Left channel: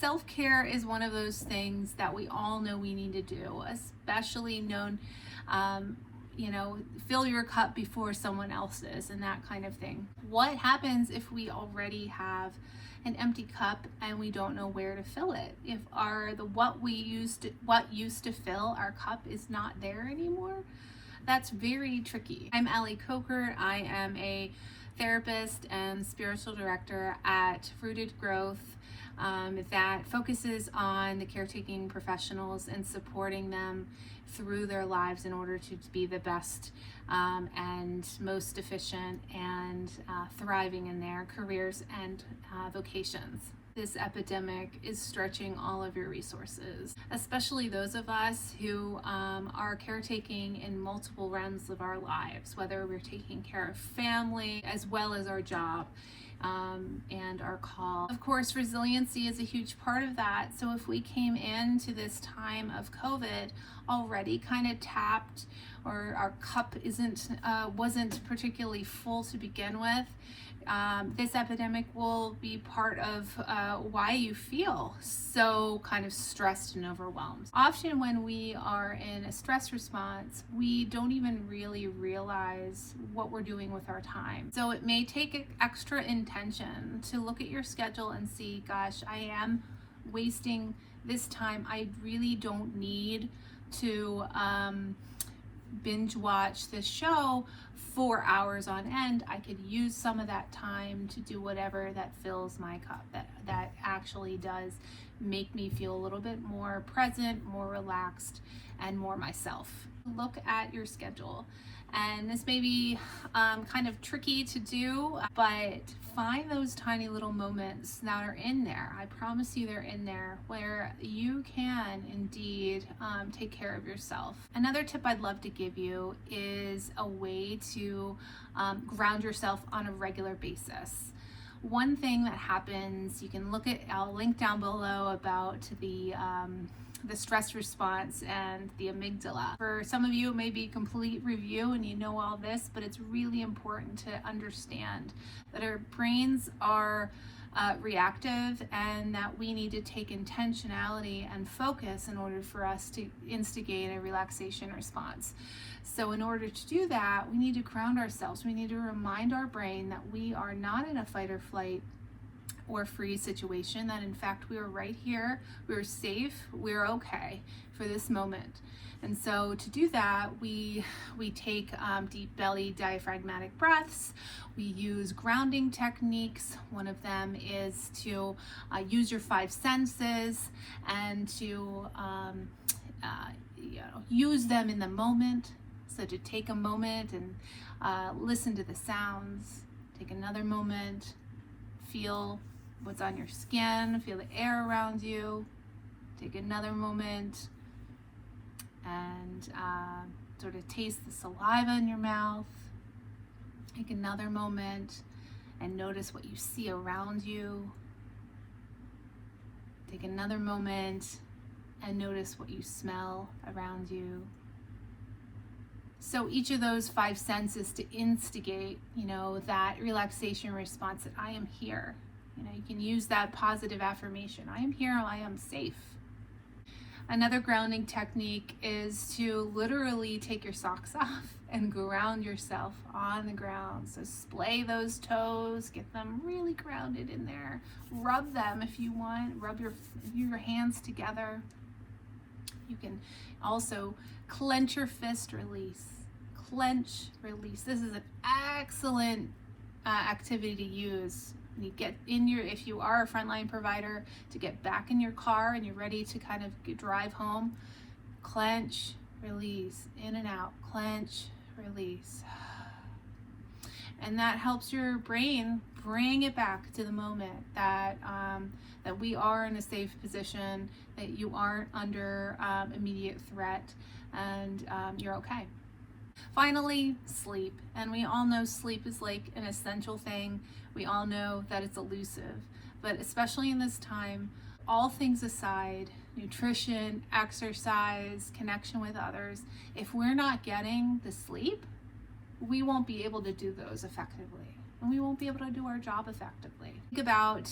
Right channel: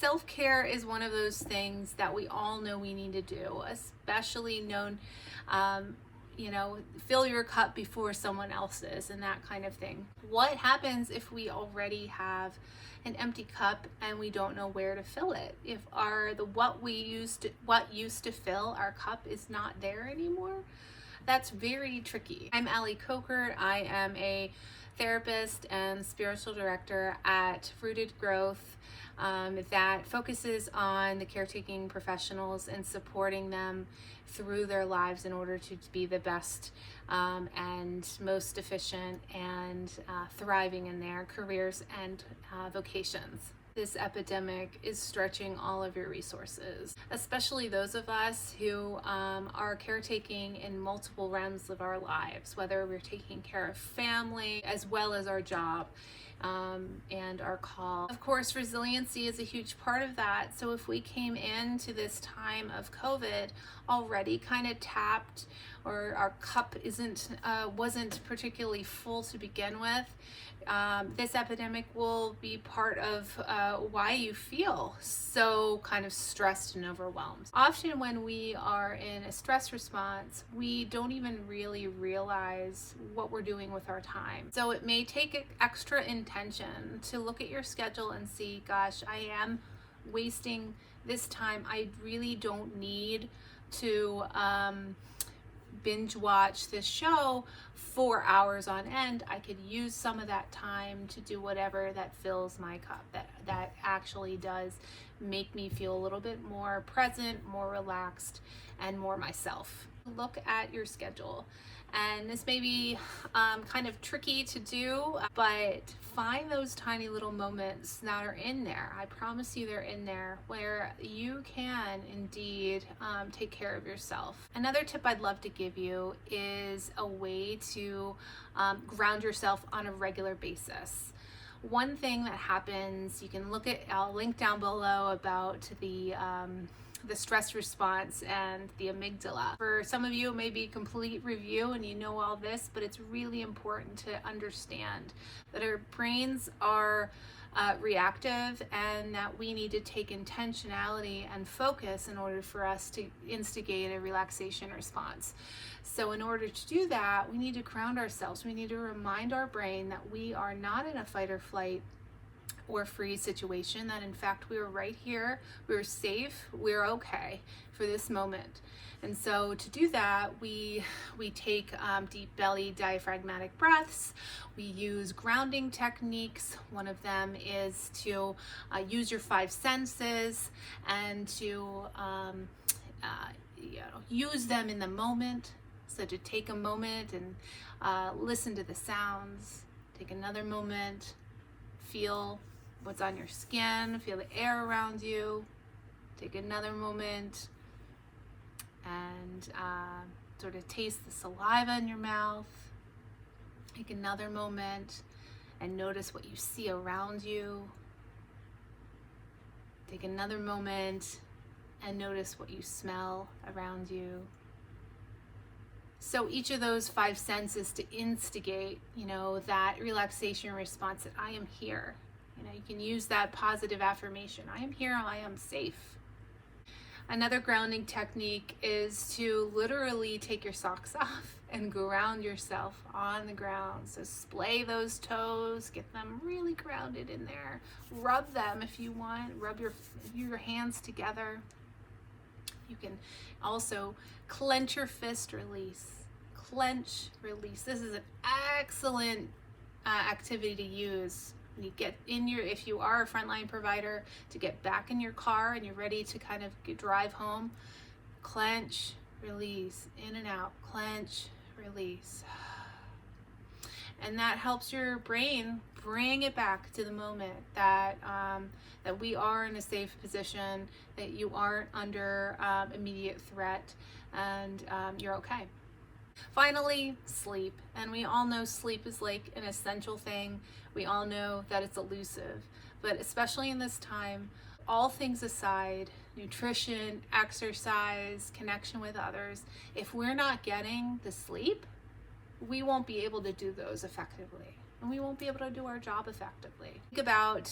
Self-care is one of those things that we all know we need to do, especially known, fill your cup before someone else's and that kind of thing. What happens if we already have an empty cup and we don't know where to fill it? If what used to fill our cup is not there anymore, that's very tricky. I'm Allie Kochert. I am a therapist and spiritual director at Rooted Growth that focuses on the caretaking professionals and supporting them through their lives in order to be the best and most efficient and thriving in their careers and vocations. This epidemic is stretching all of your resources, especially those of us who are caretaking in multiple realms of our lives, whether we're taking care of family as well as our job and our call. Of course, resiliency is a huge part of that. So if we came into this time of COVID already kind of tapped, or our cup wasn't particularly full to begin with, this epidemic will be part of why you feel so kind of stressed and overwhelmed. Often when we are in a stress response, we don't even really realize what we're doing with our time. So it may take extra intention to look at your schedule and see, gosh, I am wasting this time. I really don't need to binge watch this show 4 hours on end. I could use some of that time to do whatever that fills my cup, that actually does make me feel a little bit more present, more relaxed, and more myself. Look at your schedule. And this may be kind of tricky to do, but find those tiny little moments that are in there. I promise you they're in there, where you can indeed take care of yourself. Another tip I'd love to give you is a way to ground yourself on a regular basis. One thing that happens, you can look at, I'll link down below about the stress response and the amygdala. For some of you, it may be a complete review and you know all this, but it's really important to understand that our brains are reactive and that we need to take intentionality and focus in order for us to instigate a relaxation response. So in order to do that, we need to ground ourselves. We need to remind our brain that we are not in a fight or flight or freeze situation, that in fact we are right here, we're safe, we're okay for this moment. And so to do that, we take deep belly diaphragmatic breaths. We use grounding techniques. One of them is to use your 5 senses and to use them in the moment. So to take a moment and listen to the sounds, take another moment, feel what's on your skin, feel the air around you, take another moment and sort of taste the saliva in your mouth. Take another moment and notice what you see around you. Take another moment and notice what you smell around you. So each of those 5 senses to instigate, that relaxation response, that I am here. You can use that positive affirmation. I am here, I am safe. Another grounding technique is to literally take your socks off and ground yourself on the ground. So splay those toes, get them really grounded in there. Rub them if you want, rub your hands together. You can also clench your fist, release. Clench, release. This is an excellent activity to use when you get in if you are a Frontline provider, to get back in your car and you're ready to kind of drive home. Clench, release, in and out, clench, release. And that helps your brain bring it back to the moment that we are in a safe position, that you aren't under immediate threat, and you're okay. Finally, sleep. And we all know sleep is like an essential thing. We all know that it's elusive, but especially in this time, all things aside, nutrition, exercise, connection with others, if we're not getting the sleep, we won't be able to do those effectively. and we won't be able to do our job effectively. Think about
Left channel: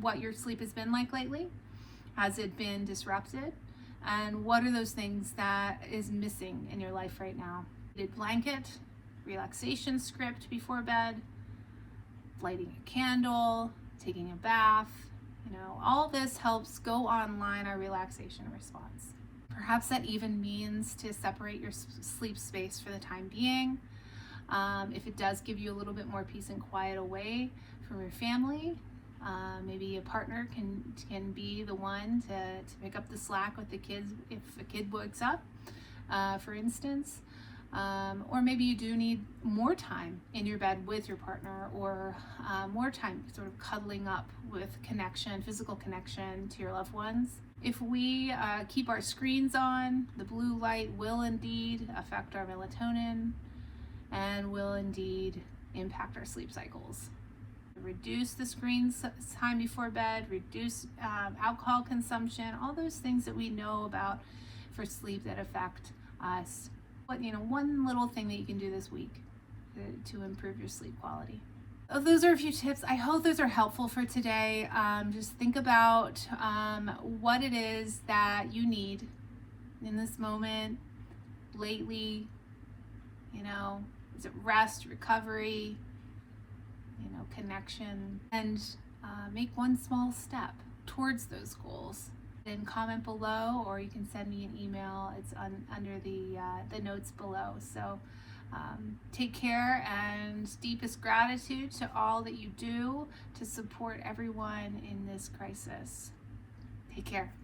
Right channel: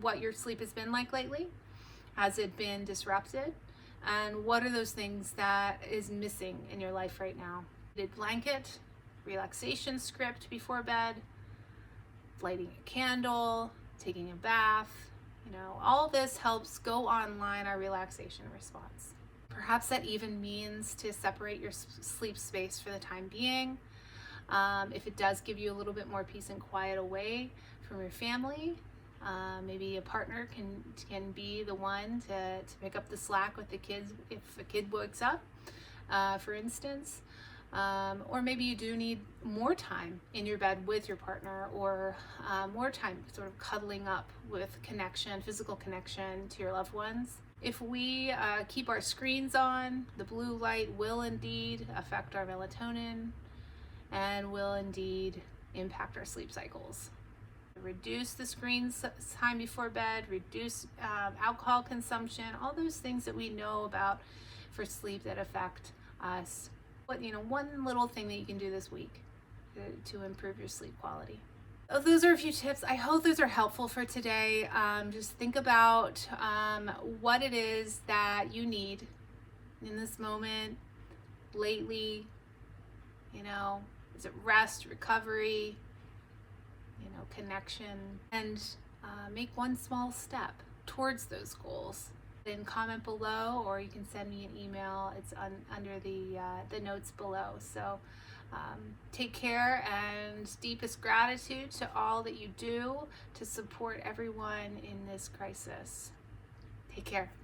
what your sleep has been like lately. Has it been disrupted? And what are those things that is missing in your life right now? A blanket, relaxation script before bed, lighting a candle, taking a bath, all this helps go online our relaxation response. Perhaps that even means to separate your sleep space for the time being. If it does give you a little bit more peace and quiet away from your family, maybe a partner can be the one to pick up the slack with the kids if a kid wakes up, for instance. Or maybe you do need more time in your bed with your partner, or more time sort of cuddling up with connection, physical connection to your loved ones. If we keep our screens on, the blue light will indeed affect our melatonin and will indeed impact our sleep cycles. Reduce the screen time before bed, reduce alcohol consumption, all those things that we know about for sleep that affect us. But one little thing that you can do this week to improve your sleep quality. Those are a few tips. I hope those are helpful for today. Just think about what it is that you need in this moment, lately. Is it rest, recovery, connection, and make one small step towards those goals. Then comment below, or you can send me an email. It's under the notes below. So take care, and deepest gratitude to all that you do to support everyone in this crisis. Take care.